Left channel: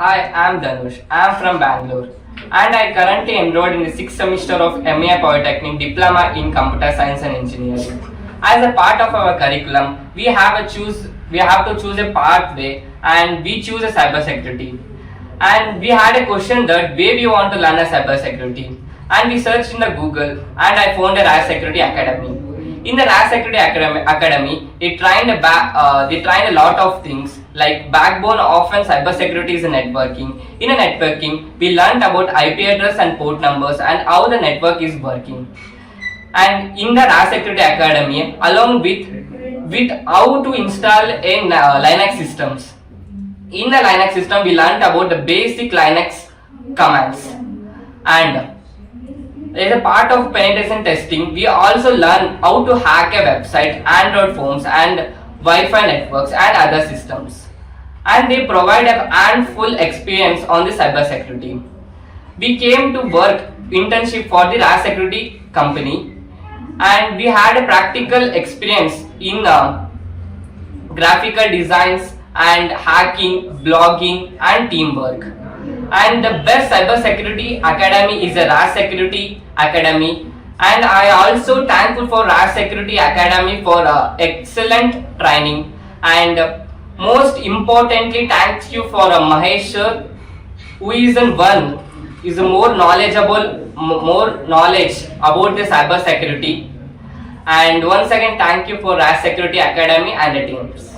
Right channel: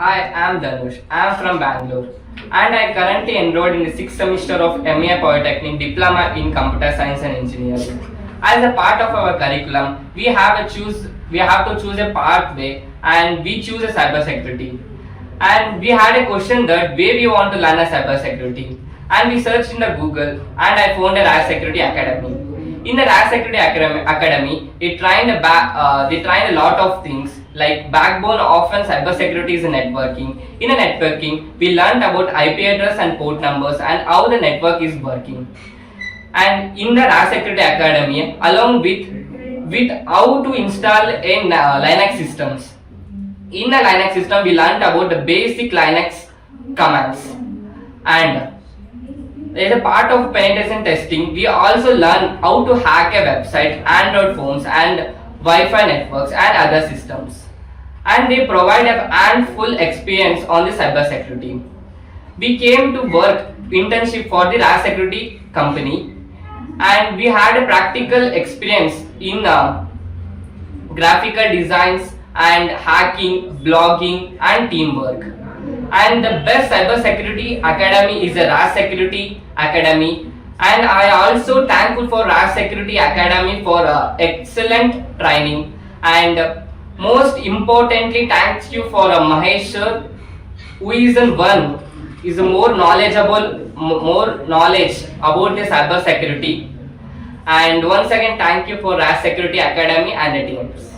Hi, I'm Dhanush. I'm from Bangalore and I currently enrolled in the 6th semester of MA Polytechnic Diploma in Computer Science and Engineering. As a part of our curriculum, we have to choose a pathway and we choose a cybersecurity. And we had a question that where we want to learn a cybersecurity. And we searched in the Google and I found a Razz Security Academy. In the Razz Security Academy, they trained a lot of things like backbone of cybersecurity is networking. In a networking, we learned about IP address and port numbers and how the network is working. And in the Razz Security Academy, along with how to install in Linux systems. In the Linux system, we learned about the basic Linux commands. And as a part of penetration testing, we also learn how to hack a website, Android phones and Wi-Fi networks and other systems. And they provide a handful experience on the cybersecurity. We came to work internship for the Razz Security company and we had a practical experience in graphical designs and hacking, blogging and teamwork. And the best cybersecurity academy is a Razz Security Academy, and I also thankful for Razz Security Academy for excellent training, and most importantly thanks you for Mahesh sir, who is more knowledge about the cybersecurity. And once again thank you for Razz Security Academy and the teams.